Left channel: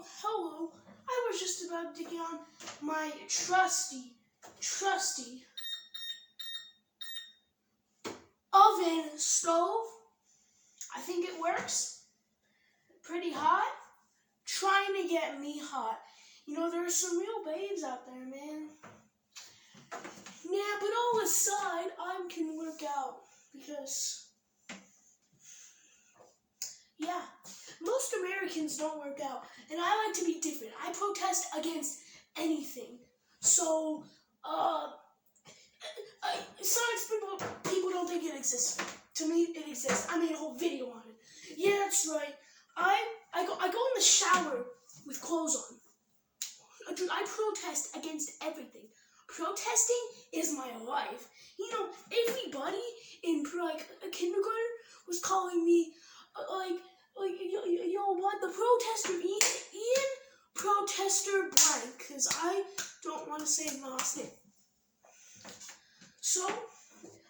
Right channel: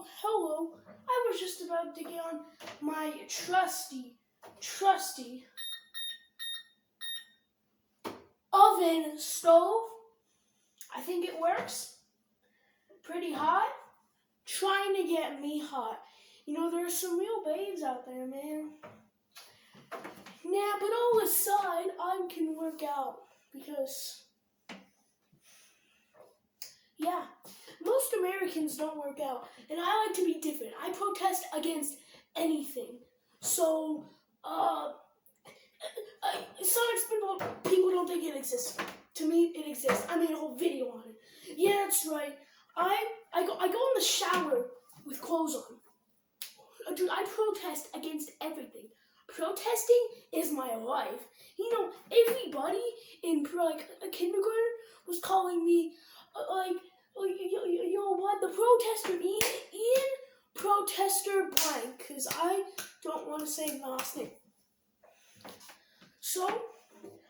Oh, hello. I was just about to get on my trusty oven stove. I think it works. Pretty hot. Trying to get me hot. You know, there's some real babes out there, man. Nah, but all aside, I can work out because, yeah, most Americans don't work out, and I like to be different. I protest against anything. So, Sonic people don't think it exists. To me, it exists. I made a whole video on it. Yeah, that's right. I go in the shower with clothes on. Dude, I protest against everything. Protesting is my life. You know, everybody in kindergarten was calling me yo, what? The protester Ian protester blank, because I don't want to say my last name. So,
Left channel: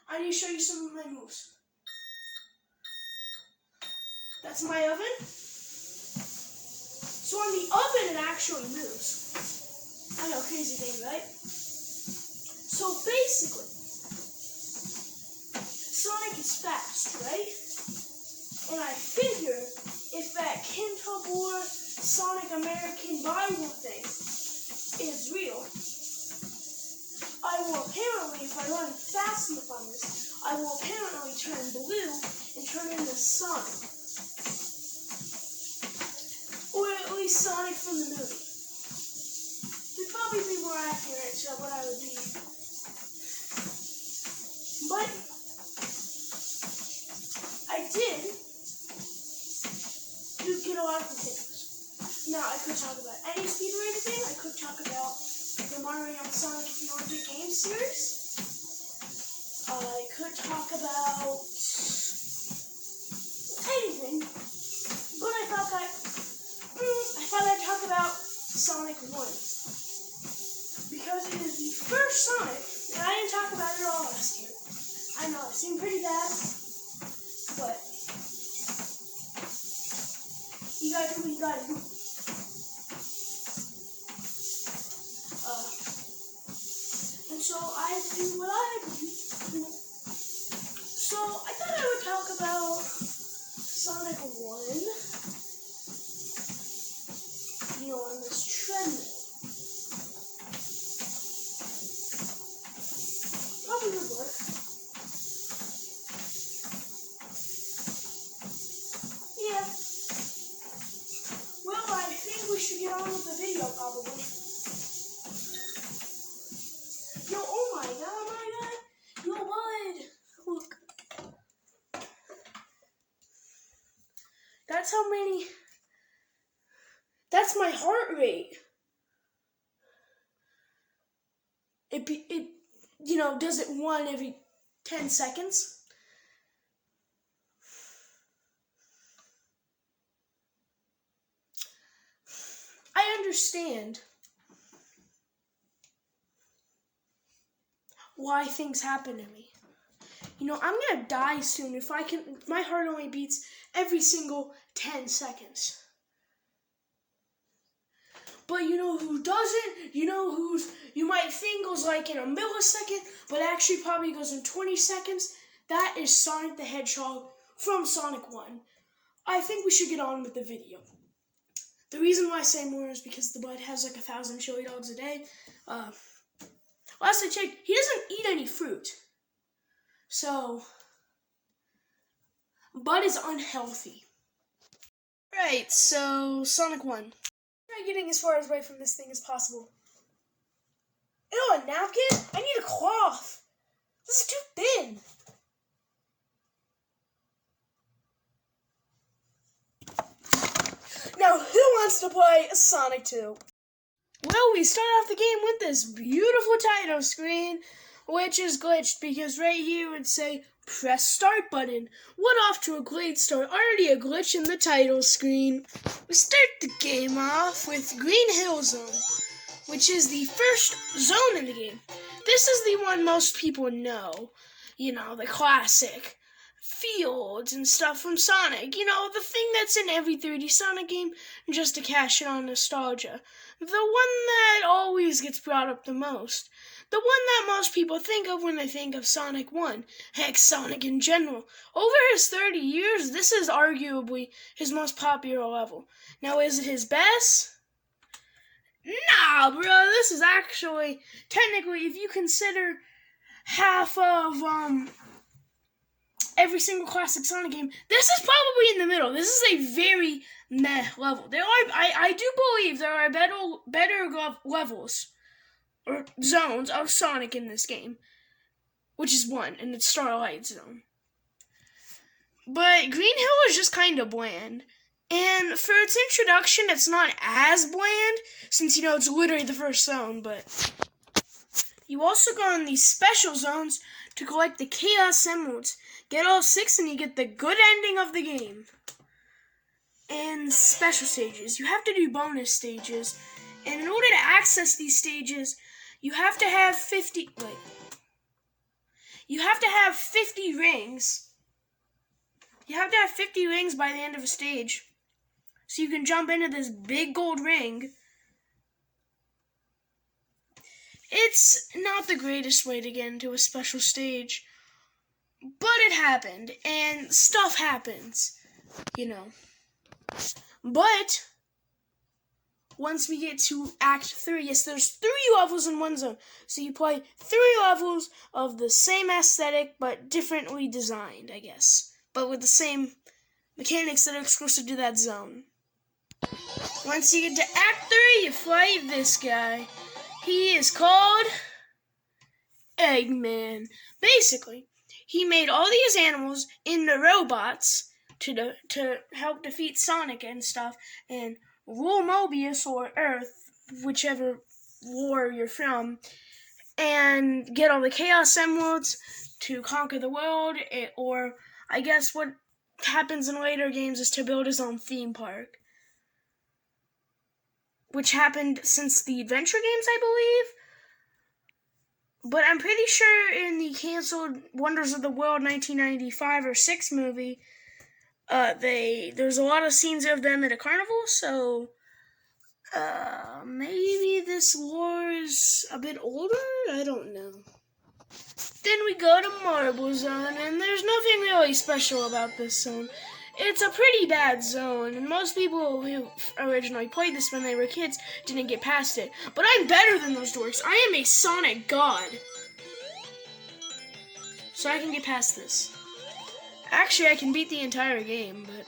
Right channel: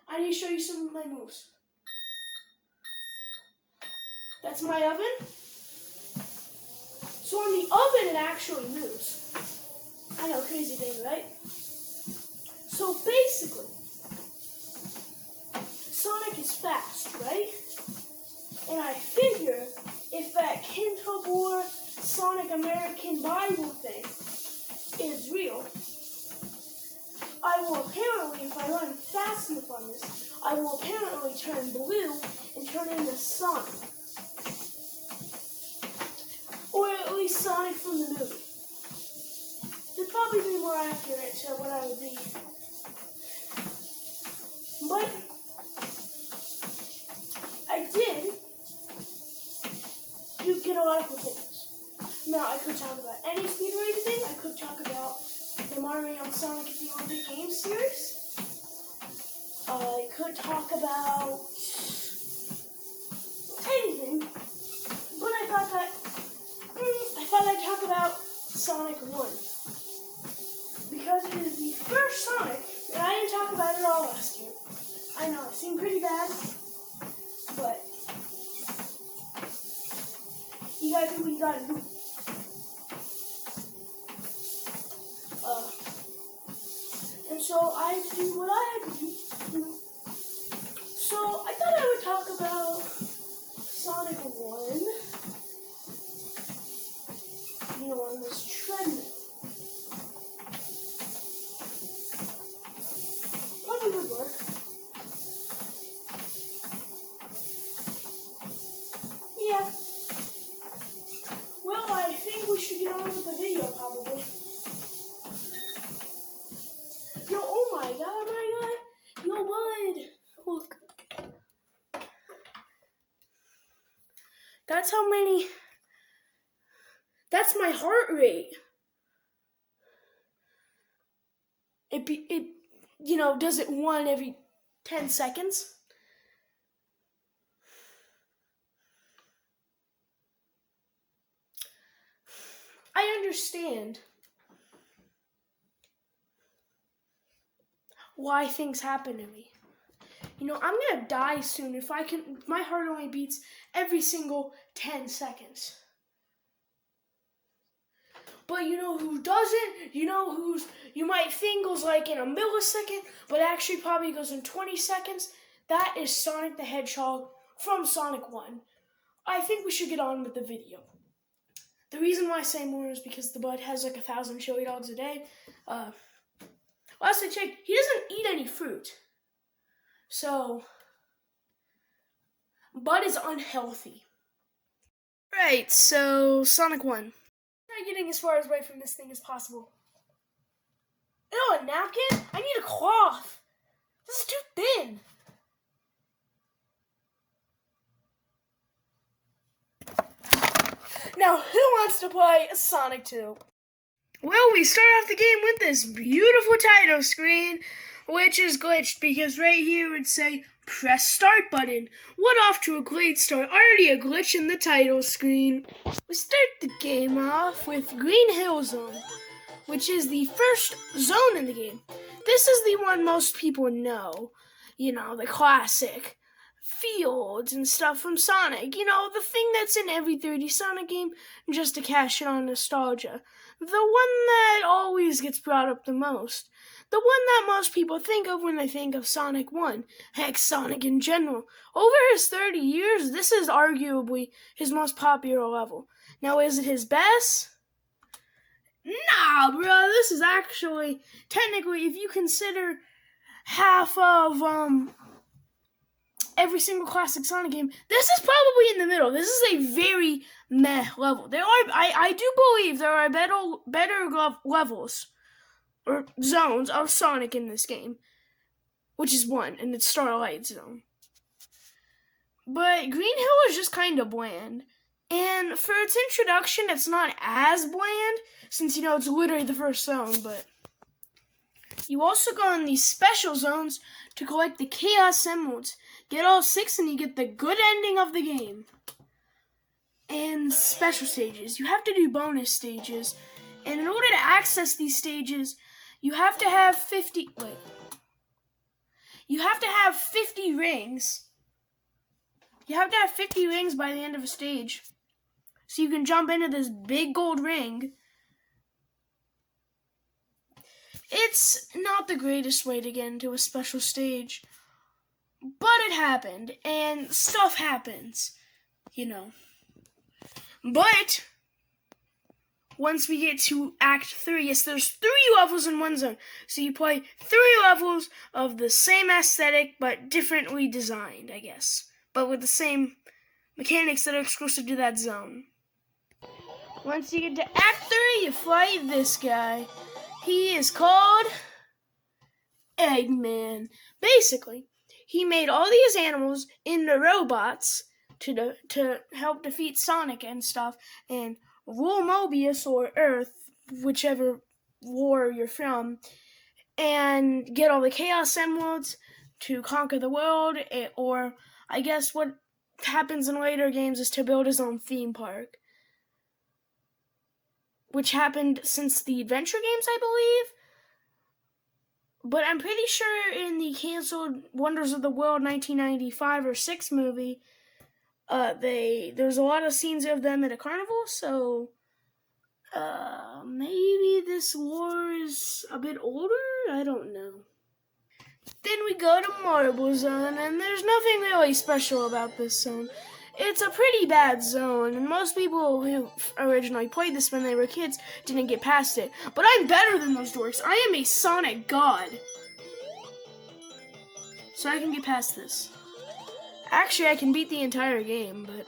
I need to show you some of my moves. That's my oven. So in the oven, it actually moves. I know, crazy thing, right? So basically, Sonic is fast, right? And I figure if that Kintabor Sonic American Bible thing is real, I will apparently, if I run fast enough on this, I will apparently turn blue and turn into Sonic. Or at least Sonic from the movie. It'd probably be more accurate to what I would be. But I did get a lot of things. Now, I could talk about any speed or anything. I could talk about the Mario and Sonic at the Olympic Games series. I could talk about anything. But I thought I'd talk about Sonic 1. Because it is the first Sonic, and I didn't talk about it all last year. I know, it seemed pretty bad, but you gotta do what you gotta do. And so I had to do what I had to do. So I thought I would talk about Sonic 1, you know, on this treadmill. Probably would work. Yeah. Well, I think we should get on with the video, probably. Yo, oh my god. Yo, bud. Look. That's how many. That's my heart rate. It you know, does it one every 10 seconds? I understand why things happen to me. You know, I'm gonna die soon if my heart only beats every single 10 seconds. But you know who doesn't? You know you might think goes like in a millisecond, but actually probably goes in 20 seconds? That is Sonic the Hedgehog from Sonic 1. I think we should get on with the video. The reason why I say more is because the bud has like 1,000 chili dogs a day. Last I checked, he doesn't eat any fruit. So, Bud is unhealthy. Right, so Sonic 1. Try getting as far away from this thing as possible. Ew, a napkin? I need a cloth. This is too thin. Now, who wants to play Sonic 2? Well, we start off the game with this beautiful title screen, which is glitched because right here it would say, press start button. What off to a great start. Already a glitch in the title screen. We start the game off with Green Hill Zone, which is the first zone in the game. This is the one most people know. You know, the classic. fields and stuff from Sonic. You know, the thing that's in every 3D Sonic game, just to cash in on nostalgia. The one that always gets brought up the most. The one that most people think of when they think of Sonic 1. Heck, Sonic in general. Over his 30 years, this is arguably his most popular level. Now, is it his best? Nah, bro, this is actually, technically, if you consider half of, every single classic Sonic game, this is probably in the middle. This is a very meh level. I do believe there are better levels or zones of Sonic in this game, which is one, and it's Starlight Zone. But Green Hill is just kind of bland. And for its introduction, it's not as bland, since, you know, it's literally the first zone, but you also go in these special zones to collect the Chaos Emeralds. Get all 6 and you get the good ending of the game. And special stages. You have to do bonus stages. And in order to access these stages, you have to have 50 rings. You have to have 50 rings by the end of a stage. So you can jump into this big gold ring. It's not the greatest way to get into a special stage, but it happened, and stuff happens, you know. But once we get to Act 3, yes, there's 3 levels in one zone. So you play 3 levels of the same aesthetic, but differently designed, I guess. But with the same mechanics that are exclusive to that zone. Once you get to Act 3, you fight this guy. He is called Eggman. Basically, he made all these animals into robots to help defeat Sonic and stuff, and rule Mobius or Earth, whichever war you're from, and get all the Chaos Emeralds to conquer the world, or I guess what happens in later games is to build his own theme park, which happened since the Adventure games, I believe. But I'm pretty sure in the canceled Wonders of the World 1995 or 6 movie, there's a lot of scenes of them at a carnival, so maybe this war is a bit older? I don't know. Then we go to Marble Zone, and there's nothing really special about this zone. It's a pretty bad zone, and most people who originally played this when they were kids didn't get past it. But I'm better than those dorks. I am a Sonic god. So I can get past this. Actually, I can beat the entire game, but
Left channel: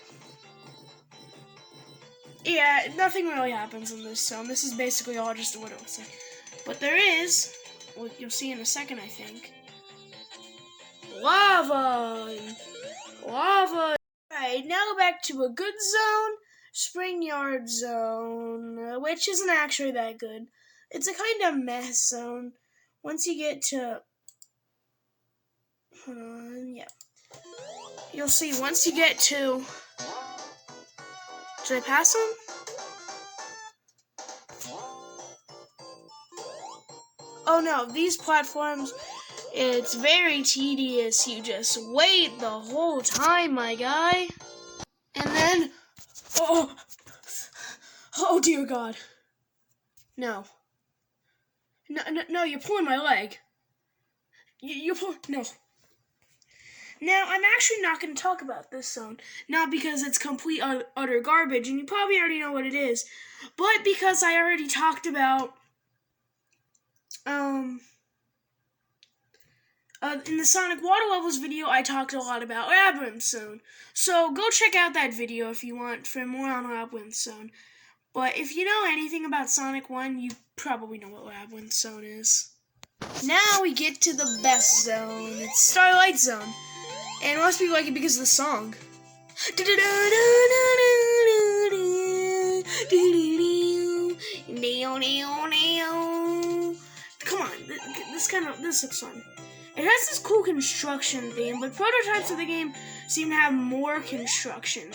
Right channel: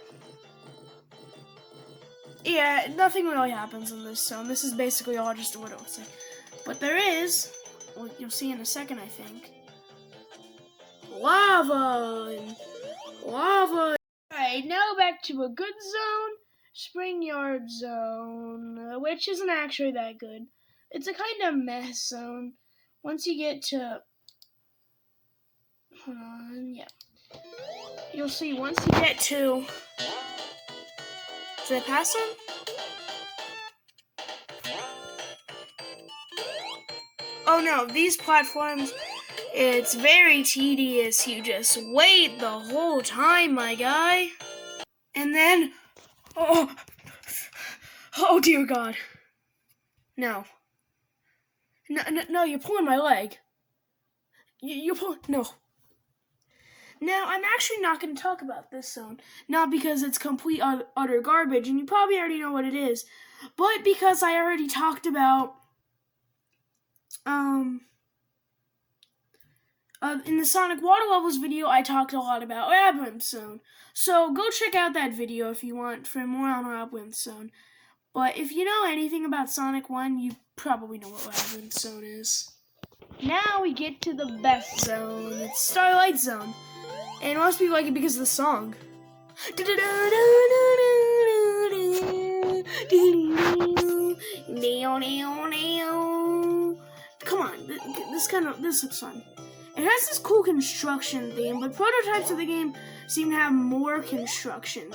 yeah, nothing really happens in this zone. This is basically all just what it looks like. But there is, what you'll see in a second, I think, lava. Alright, now back to a good zone, Spring Yard Zone, which isn't actually that good. It's a kind of mess zone. Once you get to, hold on, yeah. You'll see, once you get to, did I pass them? Oh no, these platforms, it's very tedious. You just wait the whole time, my guy. And then, oh dear God. No, you're pulling my leg. You're pulling, no. Now, I'm actually not going to talk about this zone, not because it's complete utter garbage, and you probably already know what it is, but because I already talked about, in the Sonic Water Levels video, I talked a lot about Labyrinth Zone, so go check out that video if you want for more on Labyrinth Zone. But if you know anything about Sonic 1, you probably know what Labyrinth Zone is. Now we get to the best zone. It's Starlight Zone. And most people like it because of the song. Come on, this looks fun. It has this cool construction theme, but prototypes of the game seem to have more construction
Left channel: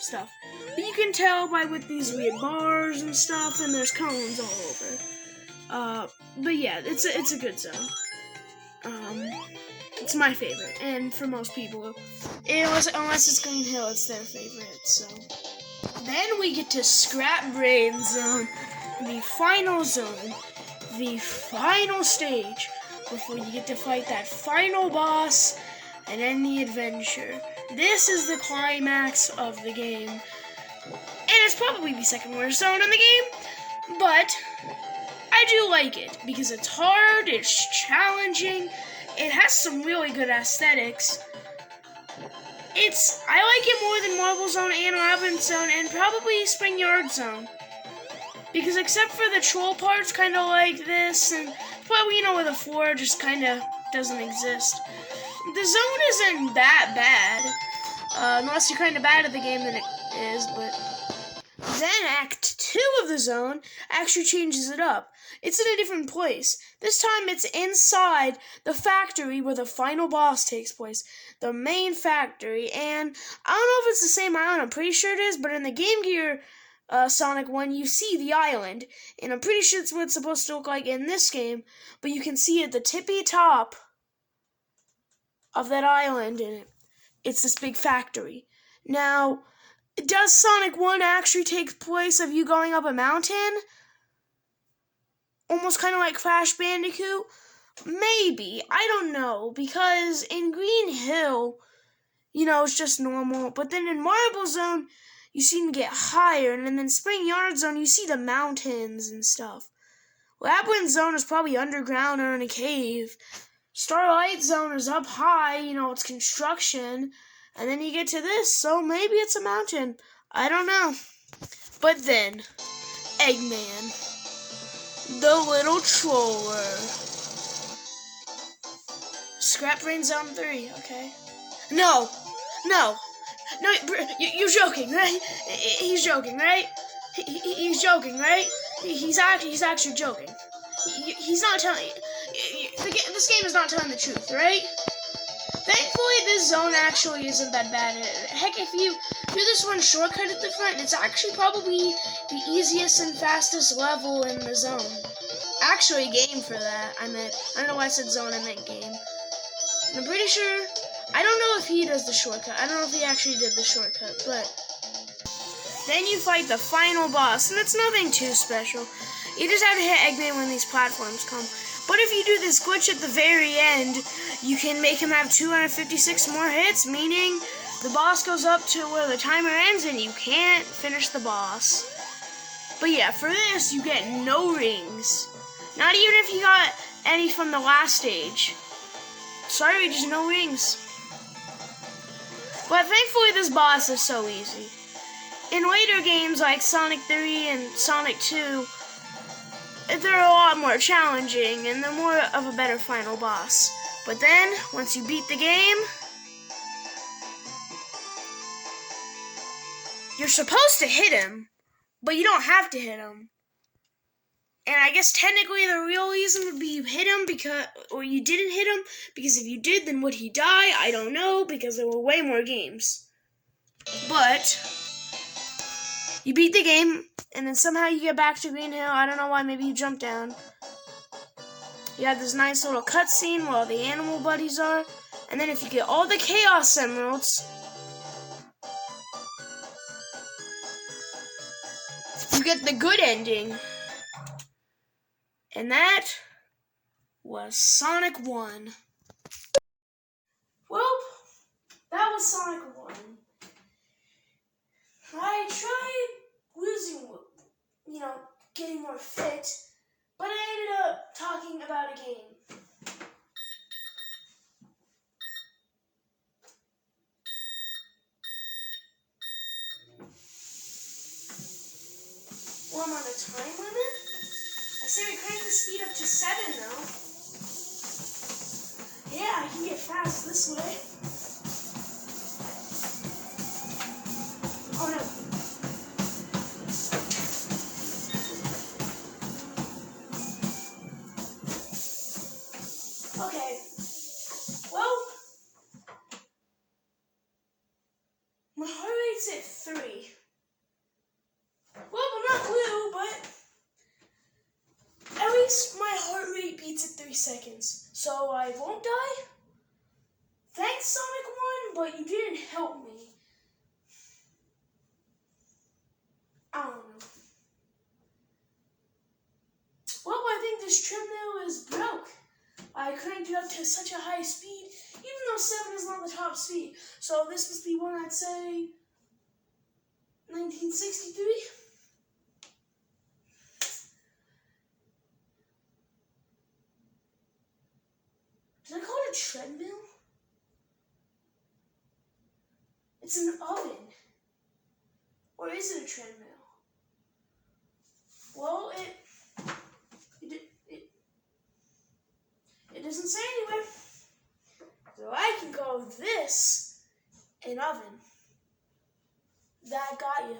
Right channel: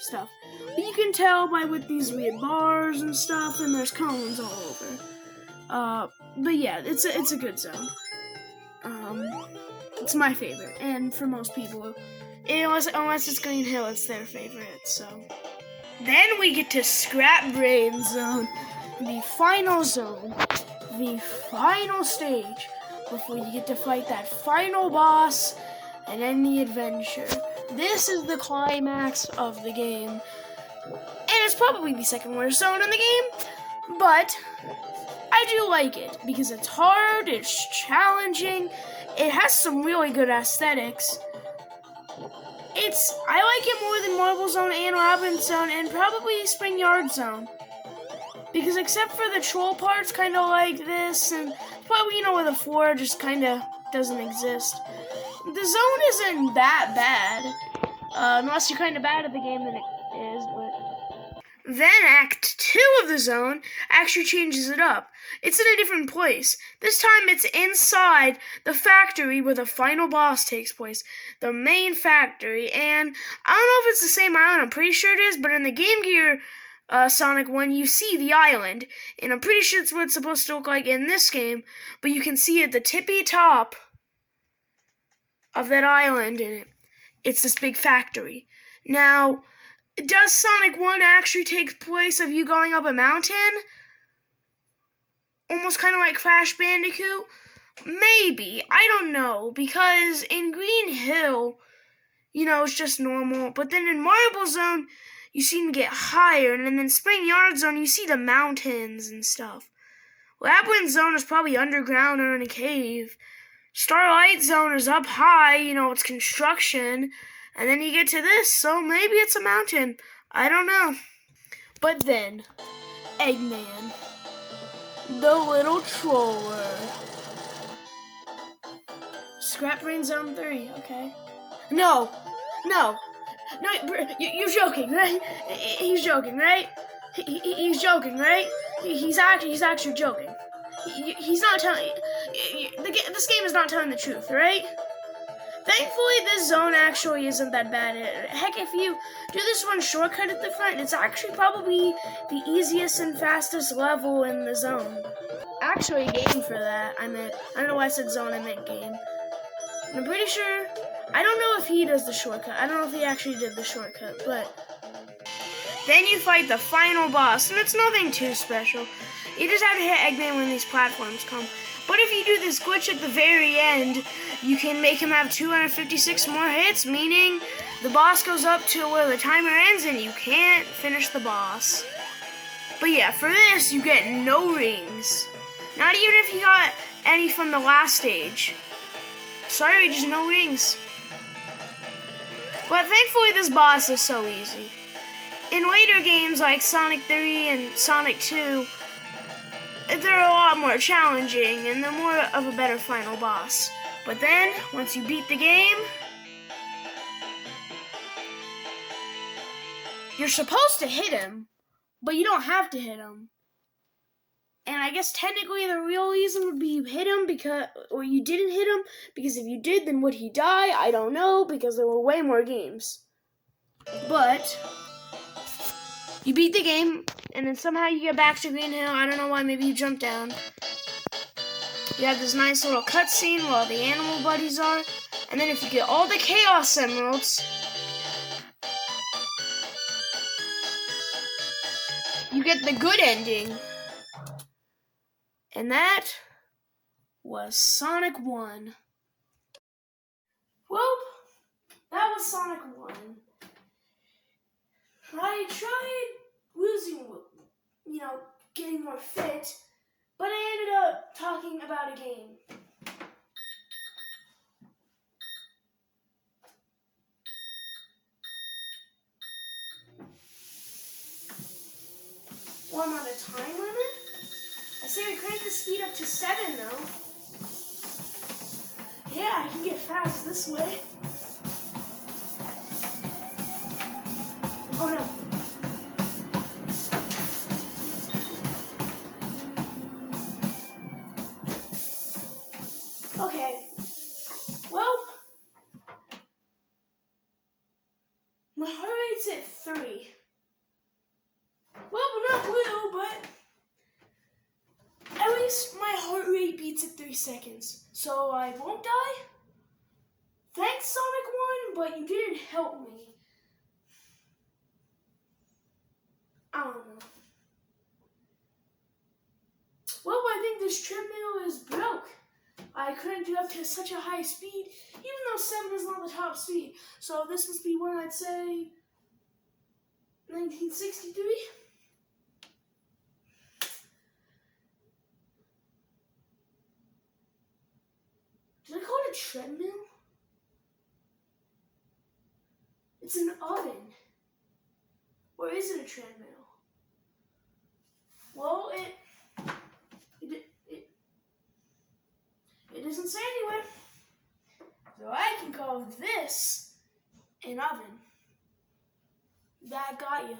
stuff. But you can tell with these weird bars and stuff, and there's cones all over. But yeah, it's a good zone. It's my favorite, and for most people, unless it's Green Hill, it's their favorite. So then we get to Scrap Brain Zone, the final zone, the final stage before you get to fight that final boss and end the adventure. This is the climax of the game, and it's probably the second worst zone in the game, but I do like it because it's hard, it's challenging, it has some really good aesthetics. I like it more than Marble Zone and Robin Zone and probably Spring Yard Zone. Because except for the troll parts kind of like this, and probably, where the floor just kind of doesn't exist. The zone isn't that bad, unless you're kind of bad at the game, then it is, but then Act 2 of the zone actually changes it up. It's in a different place. This time it's inside the factory where the final boss takes place. The main factory. And I don't know if it's the same island. I'm pretty sure it is. But in the Game Gear Sonic 1, you see the island. And I'm pretty sure it's what it's supposed to look like in this game. But you can see at the tippy top of that island. And it's this big factory. Now, does Sonic 1 actually take place of you going up a mountain? Almost kind of like Crash Bandicoot? Maybe. I don't know. Because in Green Hill, it's just normal. But then in Marble Zone, you seem to get higher. And then in Spring Yard Zone, you see the mountains and stuff. Labyrinth Zone is probably underground or in a cave. Starlight Zone is up high. It's construction. And then you get to this, so maybe it's a mountain. I don't know. But then, Eggman, the little troller. Scrap Brain Zone 3, okay. No, you're joking, right? He's joking, right? He's joking, right? He's actually joking. He's not telling. This game is not telling the truth, right? Thankfully, this zone actually isn't that bad. Heck, if you do this one shortcut at the front, it's actually probably the easiest and fastest level in the zone. Actually, game for that. I don't know why I said zone, I meant game. I'm pretty sure, I don't know if he does the shortcut. I don't know if he actually did the shortcut, but then you fight the final boss, and it's nothing too special. You just have to hit Eggman when these platforms come. But if you do this glitch at the very end, you can make him have 256 more hits, meaning the boss goes up to where the timer ends and you can't finish the boss. But yeah, for this, you get no rings. Not even if you got any from the last stage. Sorry, just no rings. But thankfully, this boss is so easy. In later games like Sonic 3 and Sonic 2, they're a lot more challenging, and they're more of a better final boss. But then, once you beat the game, you're supposed to hit him, but you don't have to hit him. And I guess technically the real reason would be you hit him or you didn't hit him, because if you did, then would he die? I don't know, because there were way more games. But you beat the game, and then somehow you get back to Green Hill. I don't know why, maybe you jump down. You have this nice little cutscene while the animal buddies are. And then if you get all the Chaos Emeralds, you get the good ending. And that was Sonic 1. Well, that was Sonic 1. I tried losing, getting more fit, but I ended up talking about a game. Well, I'm on the time limit. I say we crank the speed up to 7, though. Yeah, I can get fast this way. Oh, no. Okay. Well, my heart rate's at 3. Well, I'm not blue, but at least my heart rate beats at 3 seconds. So I won't die? Sonic 1, but you didn't help me. I don't know. Well, I think this treadmill is broke. I couldn't get up to such a high speed, even though 7 is not the top speed. So this must be one, I'd say, 1963. Did I call it a treadmill? It's an oven. Or is it a treadmill? Well, it doesn't say anywhere. So I can call this an oven. That got you.